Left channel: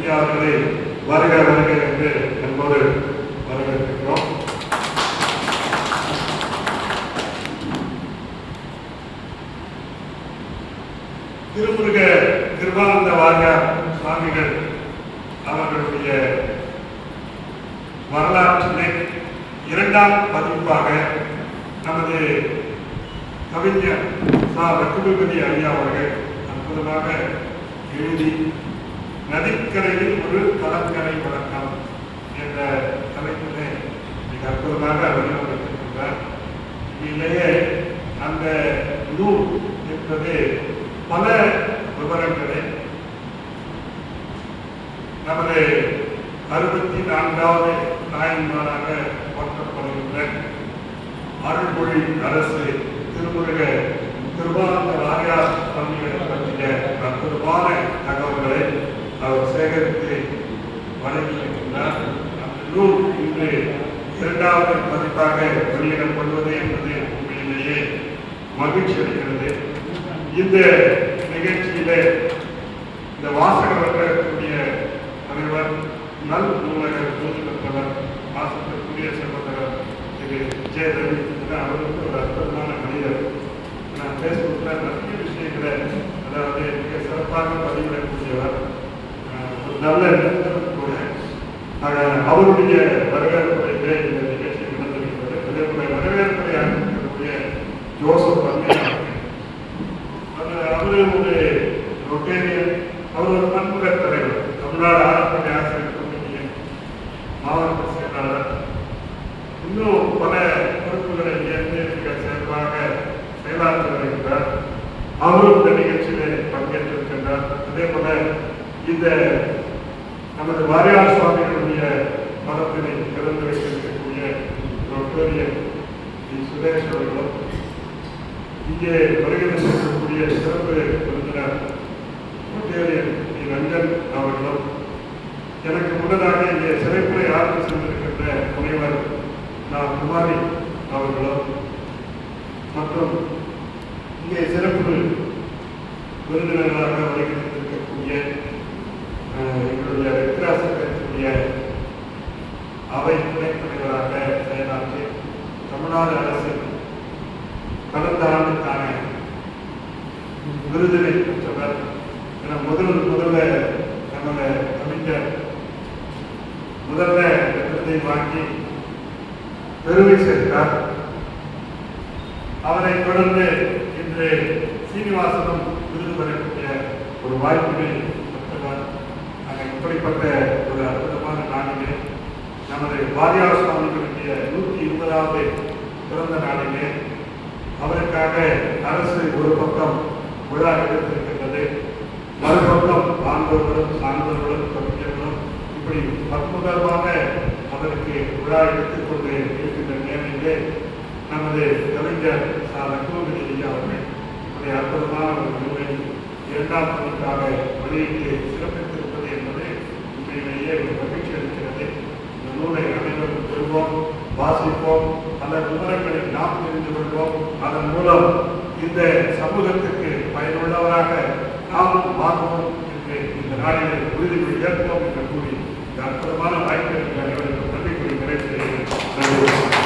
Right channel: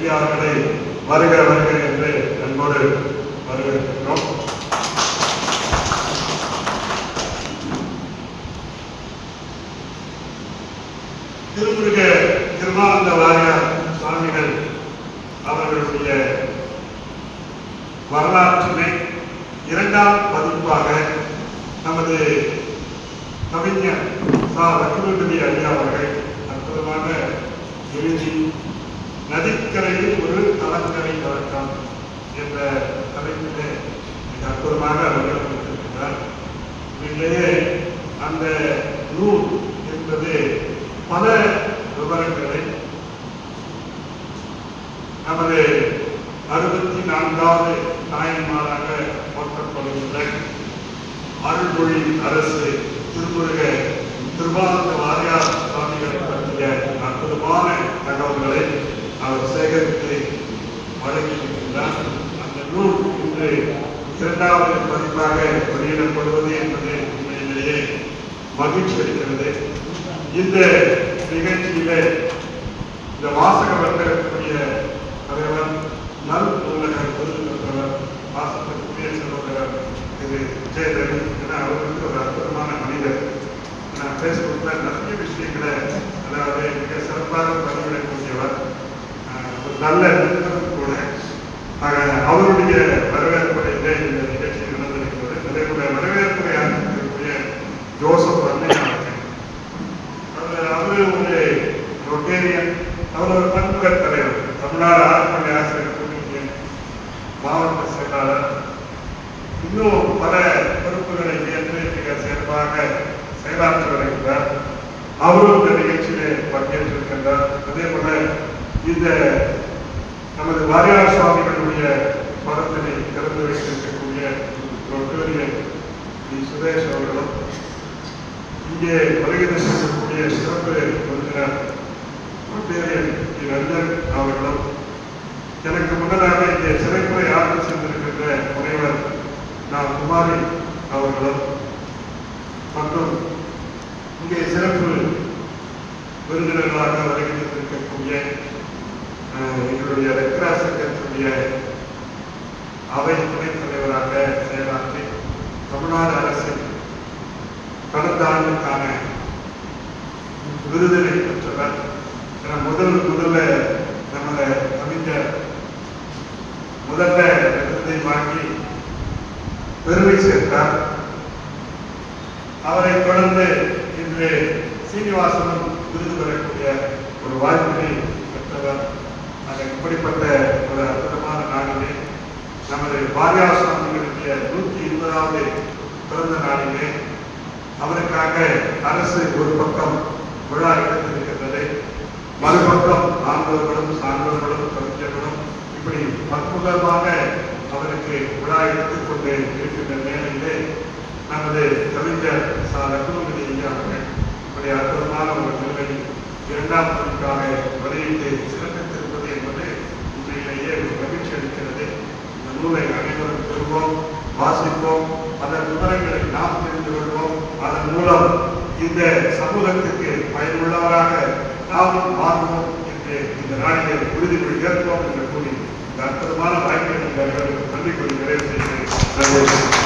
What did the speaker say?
ஐயா அவர்களை வருக வருக என்று அன்போடு வரவேற்கிறோம். திருமுருக திருமானந்த வாரியார் சுவாமிகள் அவர்களுடைய வரலாற்றினை இரண்டாம் பதிப்பாக நமது கவிஞர் சா. லட்சுமிபதி ஐயா அவர்கள் அற்புதமாக எழுதி நதிக்கரையில் ஒரு கலங்கரை வழக்கம் என்ற தலைப்பிலே மிக அற்புதமாக வடிவமைத்திருக்கிறார் அந்த நூல் என்பது பல விவரங்களை நமது அறுபத்தி நான்காவது தாய் நாளாக போற்றப்படுகின்ற அருள்மொழி அரசு திருமுருக திருமானந்த வாரியார் சுவாமிகள் பற்றிய அற்புதமான தகவல்களை அவர் சேகரித்து வழங்கியிருக்கிறார் அந்த நூல் இன்று இரண்டாவது பதிப்பாக வெளியிடப்படுவது என்பது உண்மையிலேயே மகிழ்ச்சி அளிக்கிறது. இந்த நிகழ்ச்சியிலே இந்த வாசக வர்க்கக்கூடிய தலைவர் நல் நூலகர் விருது பெற்றவர் வாசகத்திற்குரிய செல்வந்தர் திரு விஜய் என அவருக்கு ஒரு அற்புதமான மனிதர். நான் பேஸ்புக்கில் நிறைய விஷயங்களை அதாவது மிக சிறப்பாக பதிவிடக்கூடியவர் நல்ல நண்பரும் கூட. அவருடைய வரவேற்புரையிலே அவர் அவரு ஒரு ரொட்டேரியன் அவர் ஒரு பண்புல தலைவர் தமிழ்நாடு ஆர்ப்பணி ஆசிரியர் யூனியன் மாவட்ட செயலாளர் இன்னும் பல பொறுப்புகளை ஏற்று மிக சிறப்பாக செயலாற்றி வருகிறார் அவரும் இந்த நிகழ்ச்சியிலே பங்கேற்றிருக்கின்றார் அதே போல இந்த நமது வாரியார் சுவாமிகளுடைய படத்தினை திறந்து வைத்திருக்கக்கூடிய ரொட்டேரியன் டி சுரேஷ் அவர்களும் இங்கே வருகை அவருடைய சிறப்பு விருந்தினர் ரொட்டேரியன் ரஞ்சன் அவர்களும் எனக்கு முன்னதாக இங்கே சிறைப்புறை ஆர்வம் சென்றிருக்கின்ற முனைவர் நான் குமாரி அவர்களும் மற்றும் இங்கே சிறப்பு விருந்தினர்களாக வருகின்றிருக்கக்கூடிய எங்களுடைய ரெக்ரா சங்கத்தினுடைய அவை துணைத் தலைவராக செயலாற்றி தமிழ்நாடு அரசின் கடந்த ஆண்டுக்கான விருதினை பெற்றவர். என முதல் முதல்ல நமது கவிஞர் முதல்ல விருதை வாங்கி பெருமை சேர்த்தார். அவரை தொடர்ந்து இன்று சீனிவாசனும் விருது பெறக்கூடிய ஒரு வாய்ப்பினை பெற்றவர். ஆக இப்படிப்பட்ட ஒரு அற்புதமான நாளிலே நமது பாரியா சுவாமிகளுடைய நூற்றி இருபதாவது பிறந்த நாளிலே அவருக்காக அரசு ஒரு பக்கம் விழா எடுத்திருக்கின்றது மறுபக்கம் ஆண்டவர்களும் சான்றவர்களும் கவிஞர்களும் இப்படி அற்புதமாக அவருக்கு விழா எடுத்துக்கொண்டு இருக்கின்ற நேரிலே நமது கவிஞர் சா. லக்ஷ்மணி ஐயா அவர்கள் இப்படி அற்புதமான ஒரு நூலை இரண்டாம் பதிப்பாக வெளியிட்டு சிறப்பித்திருப்பது என்பது உண்மையிலேயே ஒரு மகிழ்ச்சி அளிக்கிறது. இந்த நூலை அனைவரும் பெறுவோம் வாசிப்போம் அதன் விவரங்களை நாம் தெரிந்து கொள்வோம். அதன் மூலம் இந்த சமூகத்துக்கு பயனுள்ளவராக நாமும் வாழ்வோம் என்று இந்த நாளிலே உறுதிமொழி ஏற்போம் என்று கூறி இந்த அற்புதமான வாய்ப்பை நன்றி கூறி நிறைவு செய்கிறேன்.